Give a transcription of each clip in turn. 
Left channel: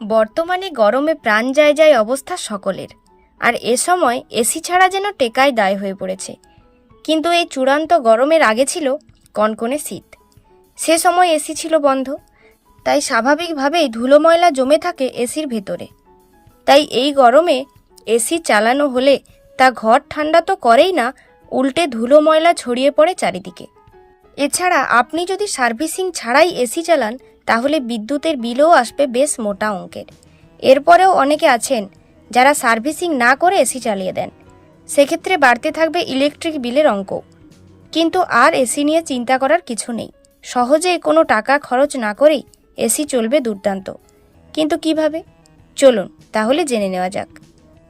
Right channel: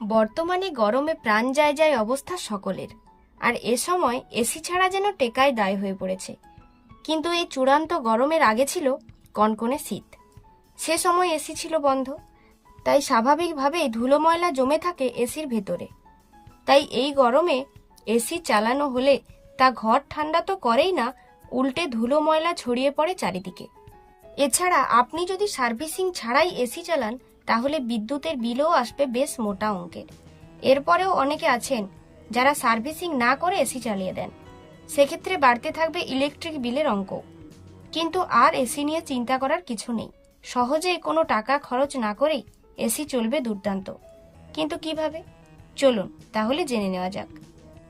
বর্তমানে গরমে প্রাণ যায় যায় অবস্থা সকলের। আর এ সময় এসি ছাড়া যেন টেকায় দায় হয়ে পড়েছে। কিন্তু এই চূড়ান্ত গরমের আগে ছিল কনকনে শীত। সে সময় এসি ছিল বন্ধ। তাই স্বাভাবিকভাবেই ধুলো ময়লা জমে থাকে এসির ভেতরে। তাই এই গরমে এসি চালানো হলে তা ঘর ঠান্ডা তো করেই না, উল্টে ধুলো ময়লা ছড়িয়ে পড়ে চারিদিকে। এছাড়া আপনি যদি সার্ভিসিং ছাড়াই এসি চালান তাহলে বিদ্যুতের বিলও আসবে বেশ মোটা অঙ্কের। এরপরেও অনেকে আছেন যারা সার্ভিসিং না করে এসি চালিয়ে দেন। সেক্ষেত্রে বাড়তে থাকবে ইলেকট্রিক বিলের অঙ্ক। কিন্তু আর এসি নিয়ে চিন্তা করার কিছু নেই। সহজে কোনো টাকা খরচ না করেই এসি চলবে দুর্দান্ত। কিন্তু কীভাবে? চলুন, তাহলে জেনে নেওয়া যাক।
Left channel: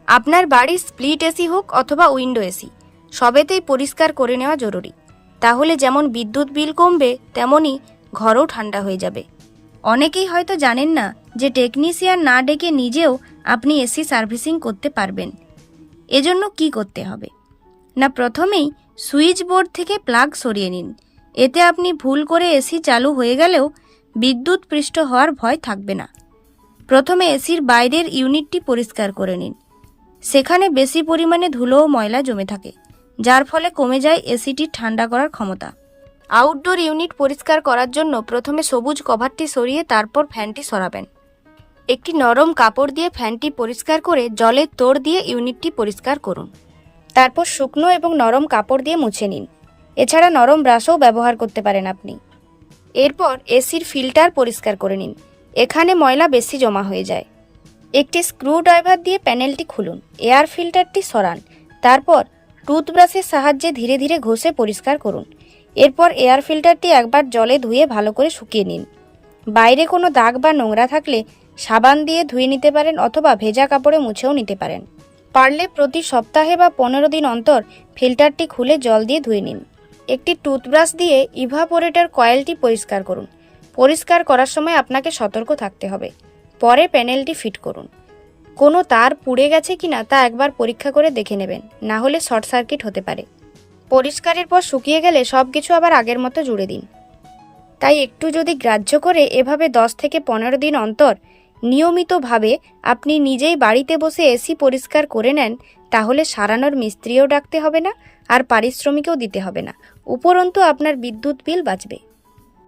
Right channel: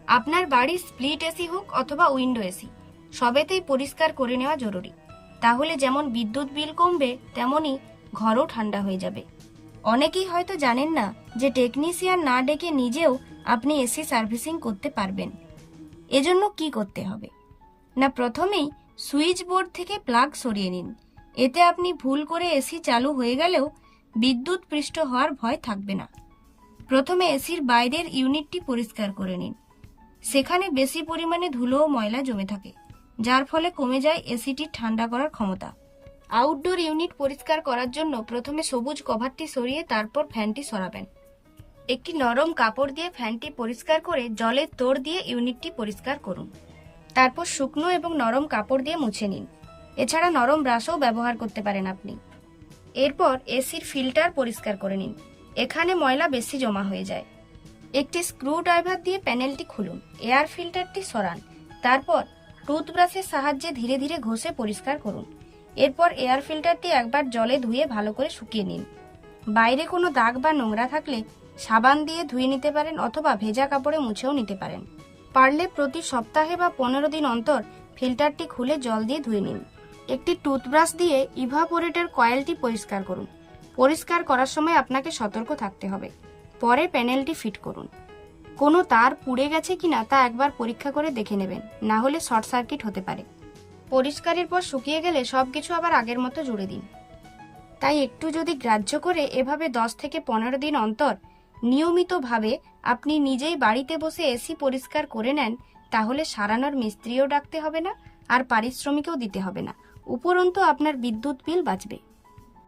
আপনার বাড়ির স্প্লিট এসি হোক অথবা উইন্ডো এসি, সবেতেই পরিষ্কার করে নেওয়া জরুরি। তাহলে যেমন বিদ্যুৎ বিল কমবে, তেমনই ঘরও ঠান্ডা হয়ে যাবে। অনেকেই হয়তো জানেন না যে টেকনিশিয়ান না ডেকে নিজেও আপনি এসি সার্ভিসিং করতে পারবেন। এজন্য কি করতে হবে? না, প্রথমেই সুইচ বোর্ড থেকে প্লাগ সরিয়ে নিন। এতে আপনি ভুল করে এসি চালু হয়ে গেলেও বিদ্যুৎ পৃষ্ঠ হওয়ার ভয় থাকবে না। প্রথমে এসির বাইরের ইউনিটটি পরিষ্কার করে নিন। সেখানে বেশি পরিমাণে ধুলো ও ময়লা জমে থাকে, যার ফলে কমে যায় এসিটির ঠান্ডা করার ক্ষমতা। আউটডোর ইউনিট পরিষ্কার করার জন্য প্রথমে সবুজ কভারটি সরিয়ে তারপর ফ্যানটি সরাবেন। একটি নরম কাপড় দিয়ে ফ্যানটি পরিষ্কার করে জলের তোড় দিয়ে ইউনিটটি পরিষ্কার করুন। তারপর শুকনো এবং নরম কাপড় দিয়ে মুছে নিন। এছাড়া নরম ব্রাশও ব্যবহার করতে পারেন আপনি। এরপর এসির ফিল্টার পরিষ্কার করে নিন। এখানে ময়লা বেশি জমা হয়ে যায়। একটি স্ক্রু ড্রাইভার দিয়ে প্যানেলটি খুলুন। এয়ার ফিল্টারটি সরান। তারপর টুথব্রাশের সাহায্যে ধীরে ধীরে ঘষে পরিষ্কার করুন। এরপর এয়ার ফিল্টারটি একবার জলে ধুয়ে ভালো করে শুকিয়ে নিন। বাইরে কোনো দাগ বা নোংরা থাকলে সাবান দিয়ে ধুয়ে নিতে পারেন অথবা ভেজা কাপড়ে মুছেও নিতে পারেন। পারলে প্রতি সপ্তাহে বা পনেরো দিন অন্তর ফিল্টারটি খুলে জল দিয়ে ধুয়ে নিন। একটি টুথব্রাশ দিয়ে ইভাপোরেটর কয়েলটি পরিষ্কার করুন। পরিষ্কার করার সময় আপনাকে সতর্ক থাকতে হবে। পরে প্যানেলটি ফিট করুন। কোনো তার পুড়ে গেছে কিনা তা একবার পরীক্ষা করে দেখে নেবেন। না হলে শর্ট সার্কিট হতে পারে। পরিষ্কারের পর শুকিয়ে গেলে সব কিছু আবার আগের মতো জুড়ে দিন। তাই একটু যদি গ্রাহ্য করে এভাবে দশ থেকে পনেরো দিন অন্তর নিয়মিতভাবে আপনি নিজেই বাড়িতে বসে এসি পরিষ্কার করে নেন, তাহলে সারানোর মিস্ত্রিও ডাকতে হবে না আর পারিশ্রমিকও দিতে হবে না। উপরন্তু আপনার বিদ্যুৎ বিল বাঁচবে।